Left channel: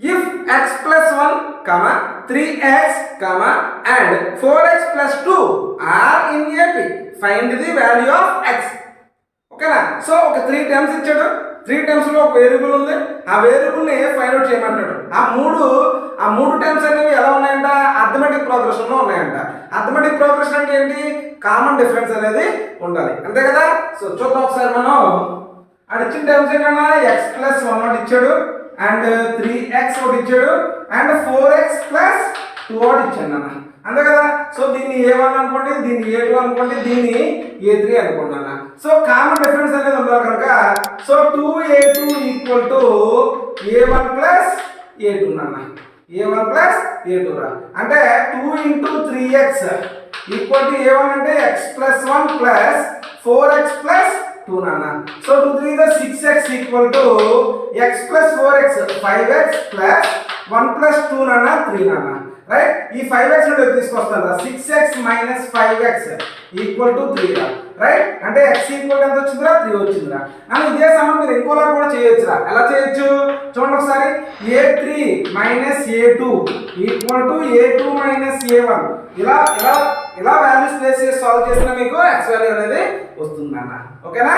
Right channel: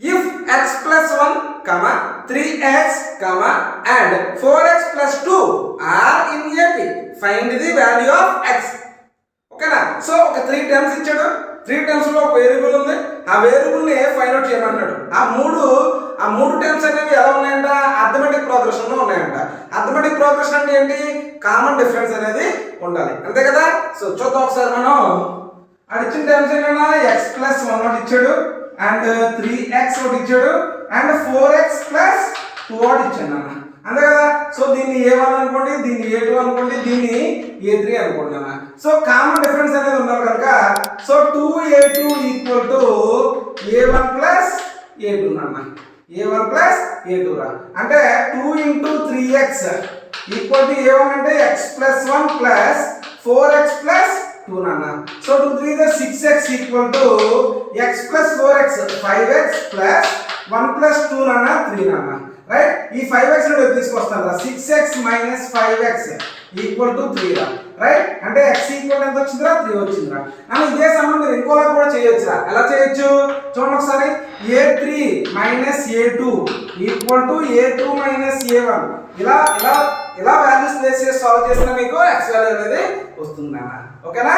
If x plus 1, 3x, and 4x plus 2 are in AP, find the value of x. ఓకేనా? So ఒక 3 terms ఇచ్చాడు, 3 terms లో ఒక variable ఉంది, ఆ వేరియబుల్ ని ఫైండ్ అవుట్ చేయమన్నాడు. ఆ మూడు టర్మ్స్ అనేవి ఎలా ఉన్నాయంట? అర్థమెటిక్ ప్రోగ్రెషన్ లో ఉన్నాయంట. అర్థమెటిక్ ప్రోగ్రెషన్ అంటే ఏంటి? కామన్ డిఫరెన్స్ అనేది ఉండాలి, అంతే కదా? సో చూద్దాం ఒకసారి మనం. ఇచ్చిన టర్మ్స్ ఏంటన్నా, x ప్లస్ 1 ఒకటి ఇచ్చాడు, అండ్ 3x ఒకటి ఇచ్చాడు, అండ్ 4x ప్లస్ 2 ఒకటి ఇచ్చాడు అన్న, అంతే కదా? సో దీన్ని a1 అనుకోండి, దీన్ని a2 అనుకోండి, దీన్ని a3 అనుకోండి అన్న. సో కామన్ డిఫరెన్స్ అనేది ఉండాలి కనుక, so 2a2 equal to a1 plus a2 అన్న. a1 ప్లస్ a2 రా, అంటే 2 into 3x equal to a1 అంటే x plus 1 plus 4x plus 2 నాన్న. So 2 3 is 6x equal to x plus 4x 5x plus 1 plus 2 నాన్న 3 నాన్న, right? ఈ 5x ని తీసుకొస్తాను రా, 6x minus 5x equal to 3 రా, రైట్? అంటే x ఈక్వల్ ఎంత వచ్చిందిరా? 3 వచ్చిందిరా. అని ఇదే సమ్ మీరు ఇంకోలా కూడా చేయొచ్చురా. ఎలా చేయొచ్చు చూడండి ఒకసారి. a3 minus a2 equal to a2 minus a1. ఇలా వాల్యూస్ ప్లేస్ చేసి సాల్వ్ చేసినా మీకు x వాల్యూ అనేది వస్తుందన్న. ఓకేనా?